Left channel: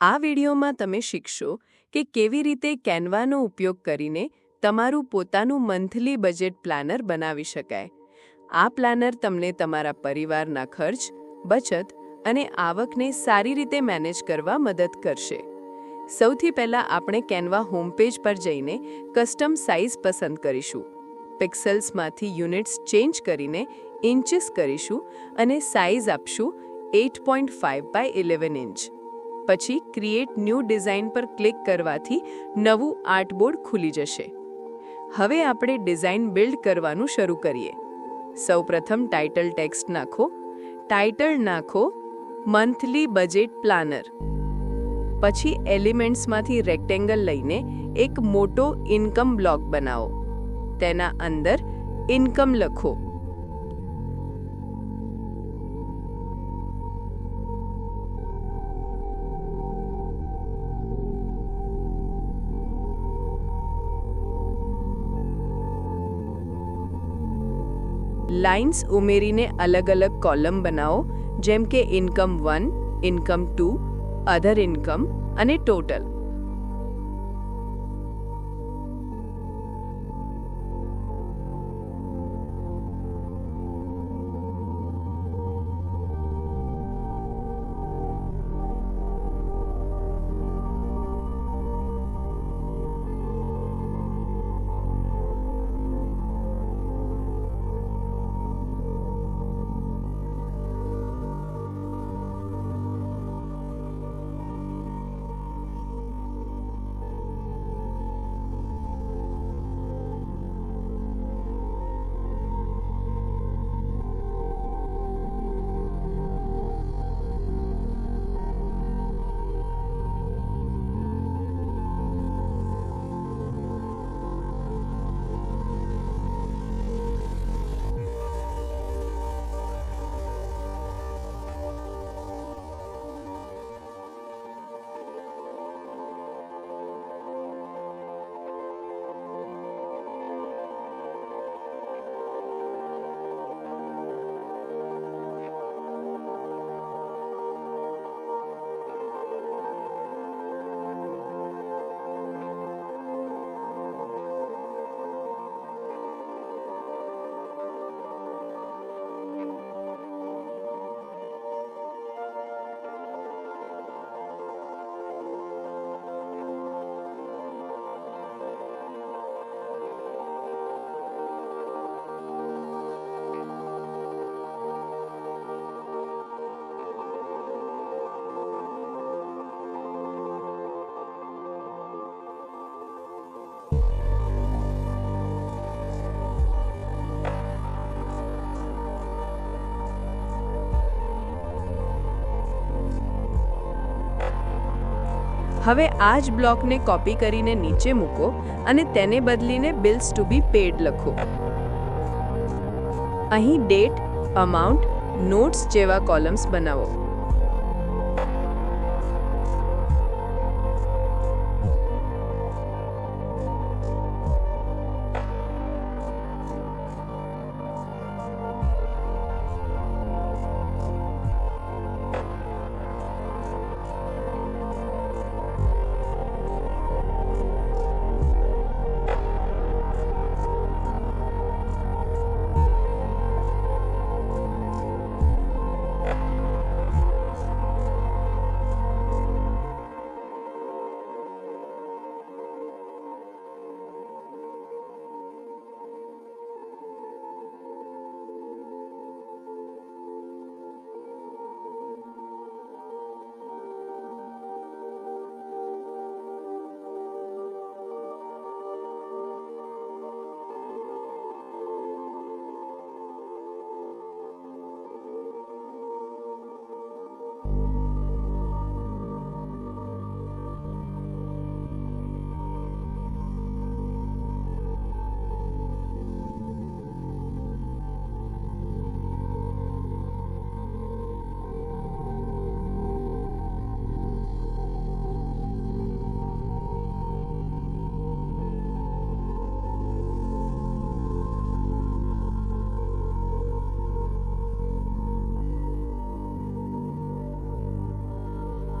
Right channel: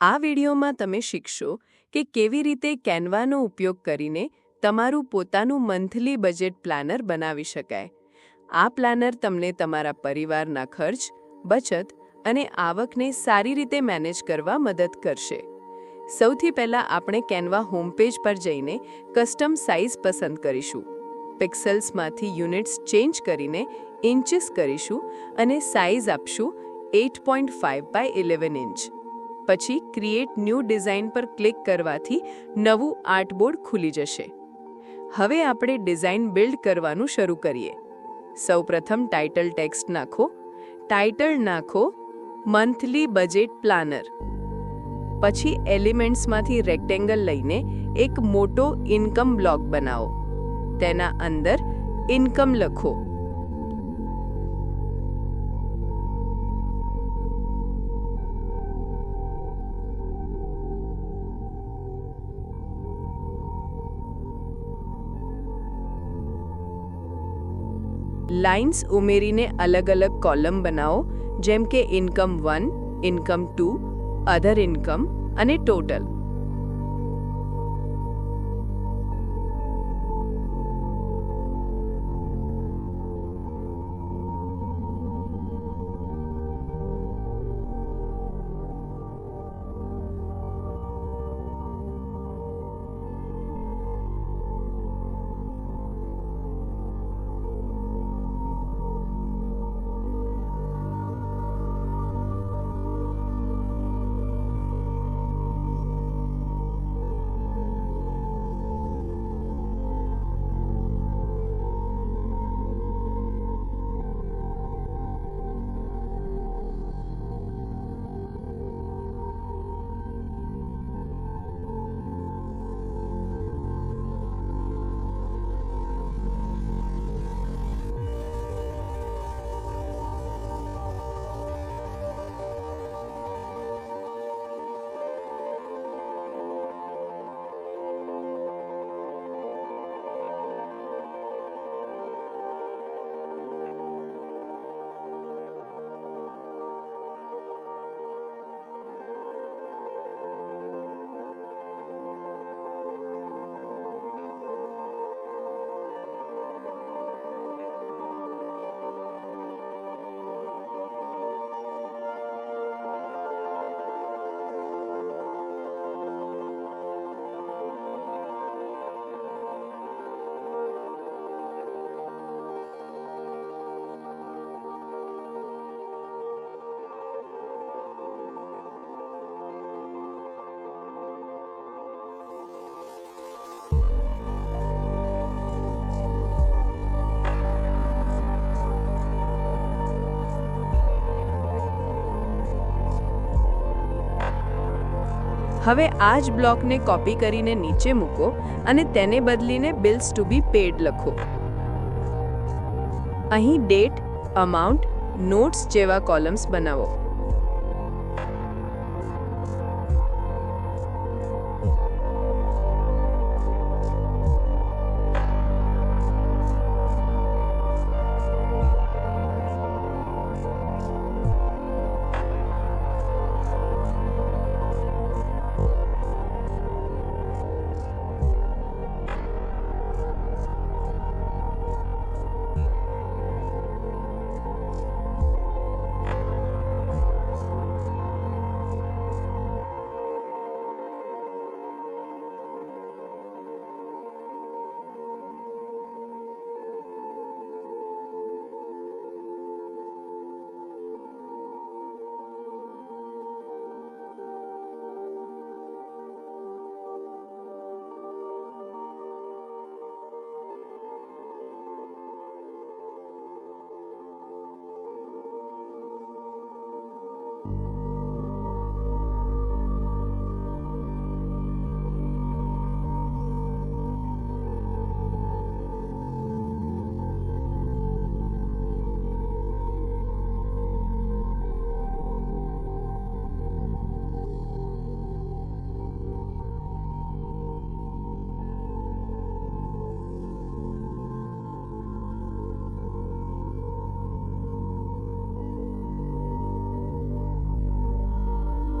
આ વિડીયોમાં તમે શીખશો કે કેવી રીતે કેનવાનો ઉપયોગ કરીને તમારું પોતાનું મંથલી બજેટ પ્લાનર બનાવી શકાય. આ પ્લાનર તમને તમારા પરિવારના ખર્ચ, બચત અને આવકને સારી રીતે મેનેજ કરવા મદદ કરશે. સૌથી પહેલાં આપણે કેનવા હોમપેજ પર જઈને કસ્ટમ સાઇઝ પસંદ કરીશું. પિક્સલ્સમાંથી યુનિટ્સ ચેન્જ કરીને ઇન્ચીસ કરીશું અને સાઇઝ આપશું 8.5 બાય 11 ઇંચ. પછી ક્રિએટ ન્યૂ ડિઝાઇન પર ક્લિક કરવાથી નવું આર્ટબોર્ડ ખુલી જશે. હવે આપણે ડિઝાઇન બિલ્ડ કરવાનું શરૂ કરીએ. સૌપ્રથમ ટાઇટલ ટેક્સ્ટ નાખો. ટાઇટલ નાખો મંથલી બજેટ પ્લાનર. પછી એલિમેન્ટ્સમાંથી રેક્ટેંગલ લઈને એક મોટો ઇન્કમ બ્લોક બનાવો. તેના અંદર ઇન્કમ લખો. લાઇન્સ ઉમેરીને અલગ અલગ કોલમ બનાવો, જેમ કે ઇન્કમ 1, ઇન્કમ 2, અધર ઇન્કમ અને ટોટલ. હવે આ જ બ્લોકને કોપી કરીને નીચે મૂકો અને તેને બદલીને બિલ્સ ટુ બી પેડ લખો. અહીં ડેટ, અમાઉન્ટ, નોટ્સ જેવા કોલમ્સ બનાવો.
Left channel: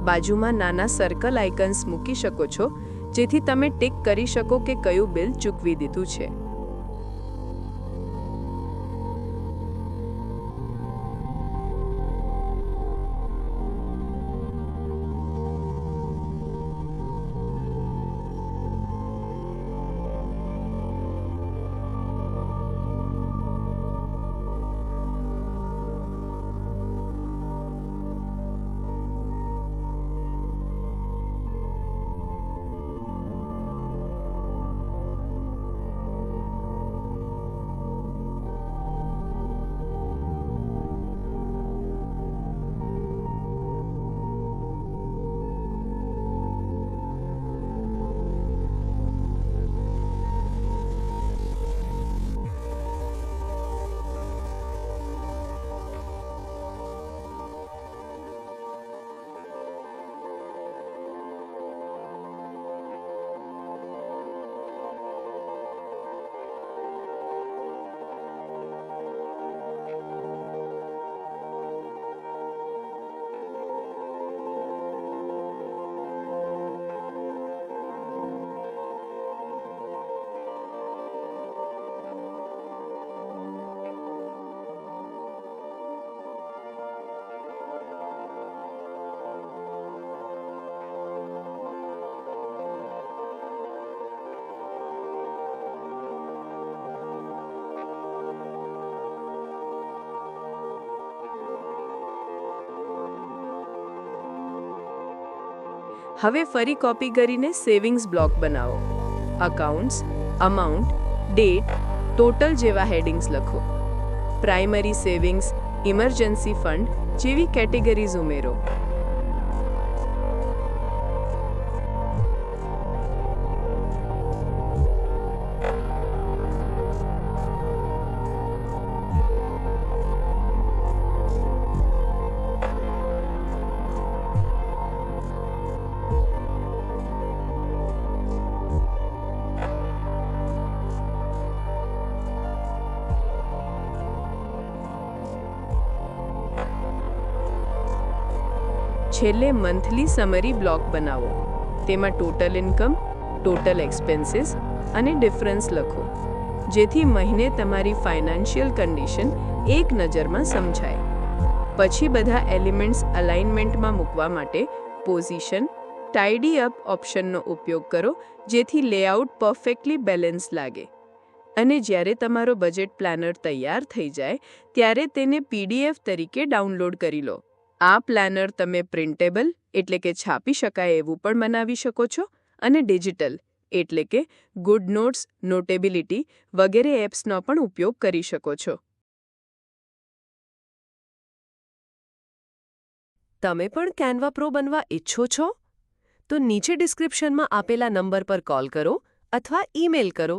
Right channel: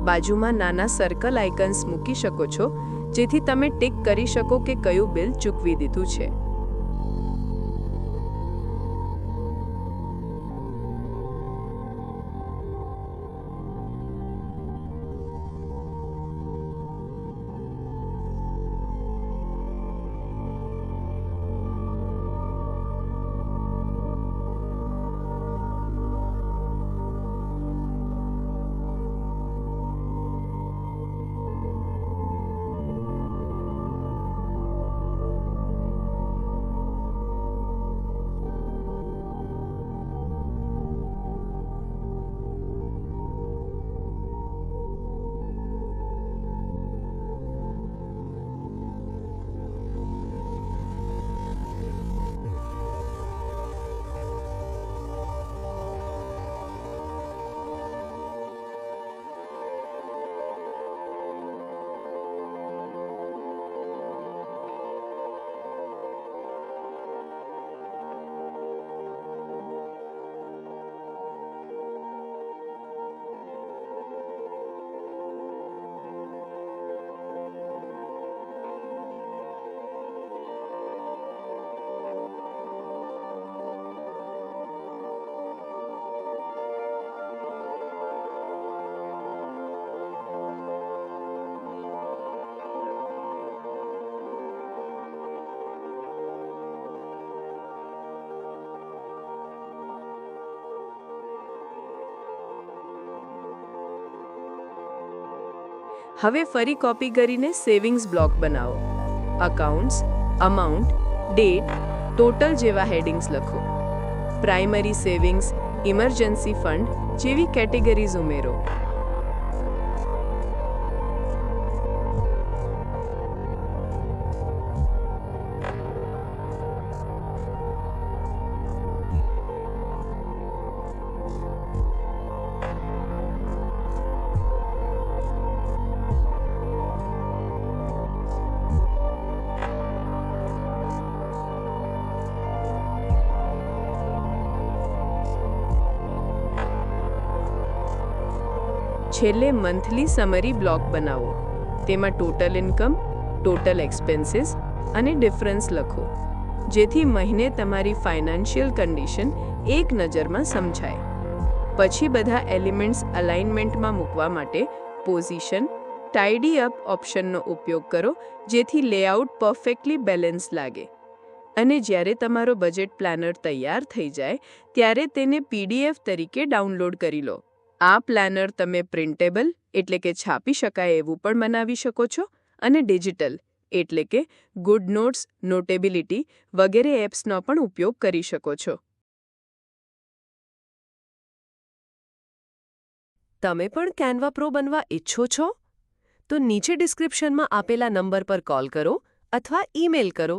બાજુમાં નાના સર્કલ આઇકન્સ મૂકી શકો છો, જેથી તમે ટિક કરી શકો કે કયું બિલ ચૂકવી દીધું છે. હવે ફરી કોપી કરીને સેવિંગ્સ બ્લોક બનાવો. અકાઉન્ટ્સ, અમાઉન્ટ, ડેટ, ટોટલ જેવા હેડિંગ્સ લખો. પ્રાઇમરી સેવિંગ્સ, ઇમરજન્સી ફંડ જેવી કેટેગરીઝ ઉમેરો. છેલ્લે મંથલી સમરી બ્લોક બનાવો. તેમાં ટોટલ ઇન્કમ, ટોટલ એક્સપેન્સીસ અને ડિફરન્સ લખો, જેથી મહિને તમારી ફાઇનાન્શિયલ કન્ડિશન એક નજરમાં સમજાય. પછી બધા એલિમેન્ટ્સ અલાઇનમેન્ટમાં મૂકવા માટે પોઝિશન, ટાઇડી અપ ઓપ્શનનો ઉપયોગ કરો, જેથી લેઆઉટ પરફેક્ટલી બેલેન્સ લાગે. અને જ્યારે તમારો બજેટ પ્લાનર તૈયાર થઈ જાય ત્યારે તેને PDF તરીકે ડાઉનલોડ કરી લો. આ પ્લાનર તમે પ્રિન્ટેબલ એટલે કે છાપી શકાય એવું પણ બનાવી શકો છો અને ડિજિટલ એટલે કે ગુડ નોટ્સ, નોટેબિલિટી વગેરે એપ્સનો પણ ઉપયોગ કરી શકો છો. તમે પણ કેન્વા પ્રો બનવા ઈચ્છો છો? તો નીચે ડિસ્ક્રિપ્શનમાં આપેલા નંબર પર કોલ કરો અથવા ઈમેલ કરો.